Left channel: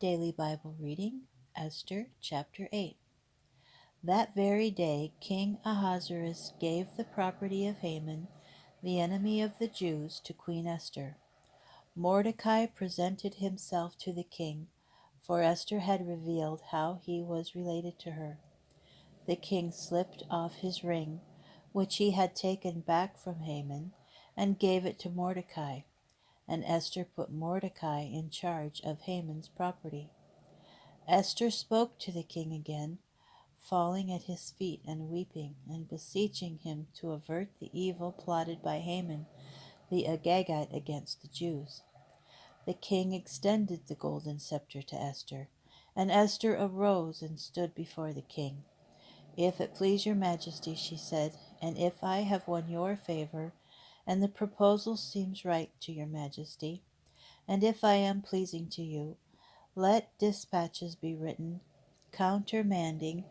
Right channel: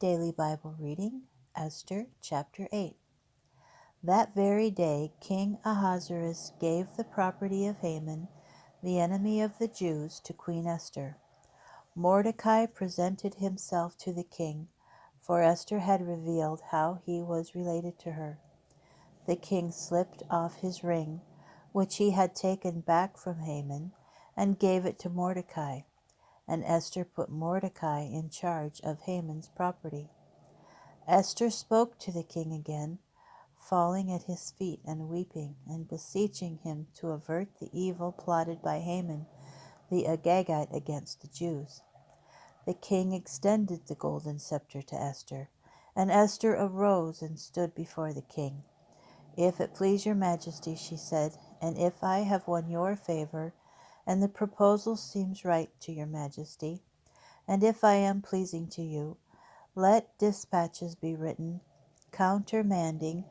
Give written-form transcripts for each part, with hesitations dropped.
Daily Bible Reading, Esther chapter 8. That very day King Ahasuerus gave the property of Haman, the enemy of the Jews, to Queen Esther. Mordecai presented himself to the king, for Esther had revealed how he was related to her. The king slipped off his ring, which he had taken back from Haman, and gave it to Mordecai, and Esther put Mordecai in charge of Haman's property. Esther spoke to the king again, falling at his feet and weeping, and beseeching him to avert the evil plotted by Haman the Agagite against the Jews. The king extended the golden scepter to Esther, and Esther arose and stood before the king. "If it please your majesty," she said, "and if I have won your favor, and the proposal seems right to your majesty, and if I am pleasing to you, let dispatches be written countermanding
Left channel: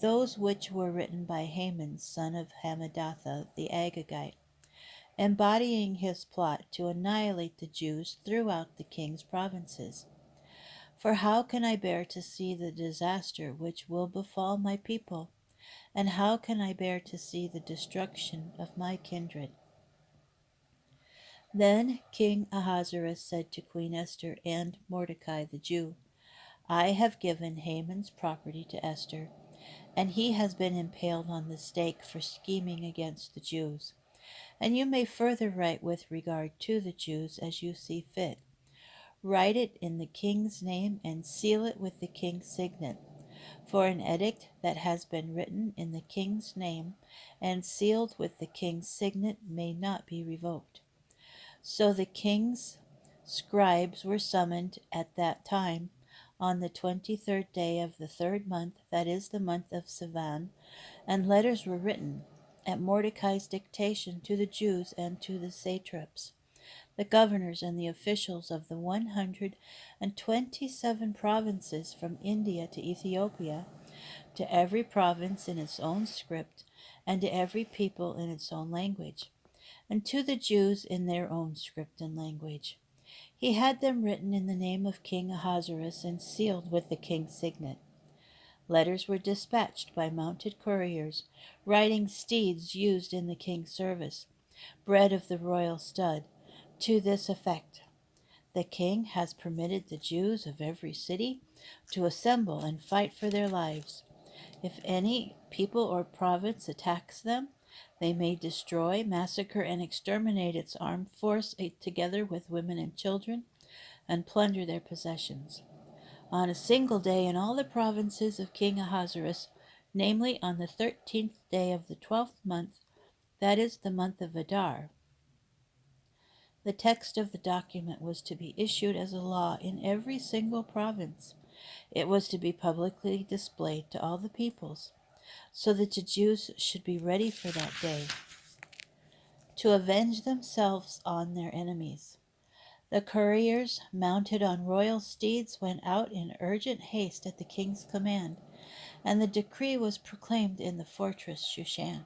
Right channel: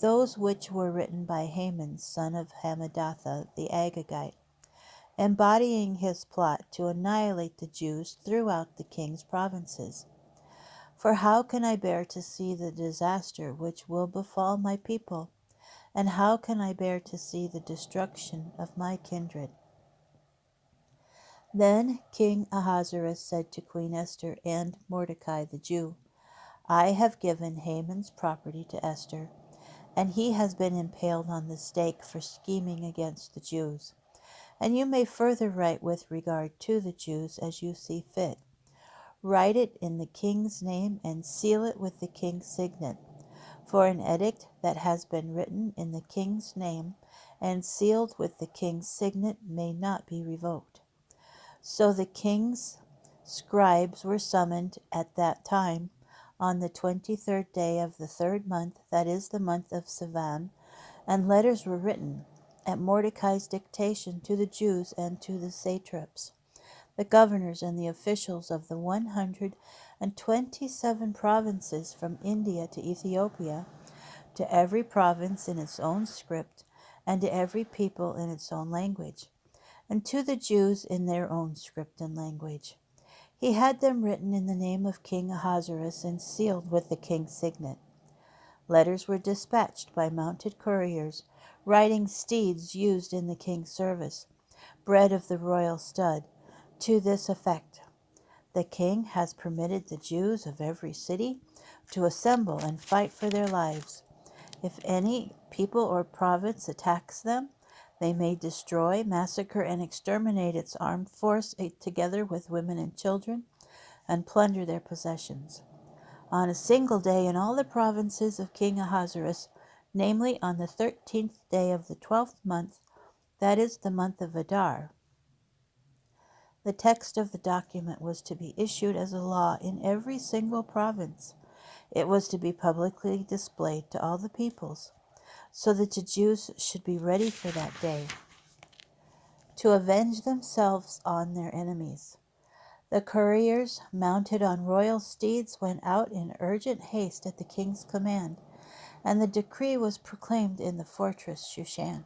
those which were written by Haman son of Hammedatha the Agagite, embodying his plot to annihilate the Jews throughout the king's provinces. For how can I bear to see the disaster which will befall my people, and how can I bear to see the destruction of my kindred?" Then King Ahasuerus said to Queen Esther and Mordecai the Jew, "I have given Haman's property to Esther, and he has been impaled on the stake for scheming against the Jews. And you may further write with regard to the Jews as you see fit. Write it in the king's name and seal it with the king's signet, for an edict that has been written in the king's name and sealed with the king's signet may not be revoked." So the king's scribes were summoned at that time on the 23rd day of the third month, that is the month of Sivan, and letters were written at Mordecai's dictation to the Jews and to the satraps, the governors and the officials of the 127 provinces from India to Ethiopia, to every province in its own script, and to every people in its own language, and to the Jews in their own script and language. He had them written in the name of King Ahasuerus and sealed with the king's signet. Letters were dispatched by mounted couriers, riding steeds used in the king's service, bred of the royal stud, to this effect: "The king has permitted the Jews of every city to assemble and fight for their lives. If any people or province attacks them, they may destroy, massacre, and exterminate its armed force, together with women and children, and plunder their possessions. On a single day in all the provinces of King Ahasuerus, namely on the 13th day of the 12th month, that is the month of Adar." The text of the document was to be issued as a law in every single province. It was to be publicly displayed to all the peoples, so that the Jews should be ready for that day, to avenge themselves on their enemies. The couriers, mounted on royal steeds, went out in urgent haste at the king's command, and the decree was proclaimed in the fortress Shushan.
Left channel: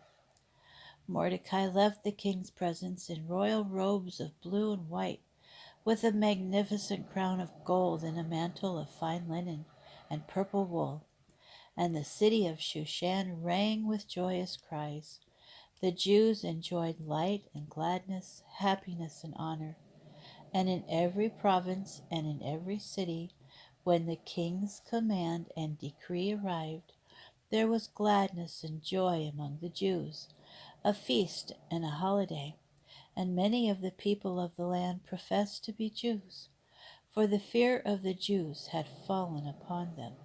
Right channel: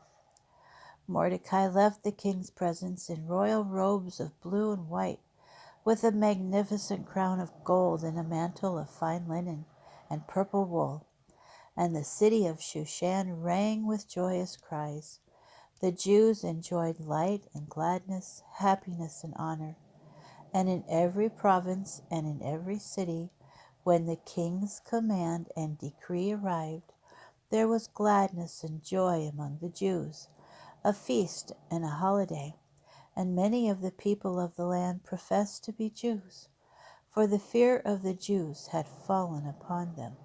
Mordecai left the king's presence in royal robes of blue and white, with a magnificent crown of gold and a mantle of fine linen and purple wool. And the city of Shushan rang with joyous cries. The Jews enjoyed light and gladness, happiness and honor. And in every province and in every city, when the king's command and decree arrived, there was gladness and joy among the Jews, a feast and a holiday. And many of the people of the land professed to be Jews, for the fear of the Jews had fallen upon them.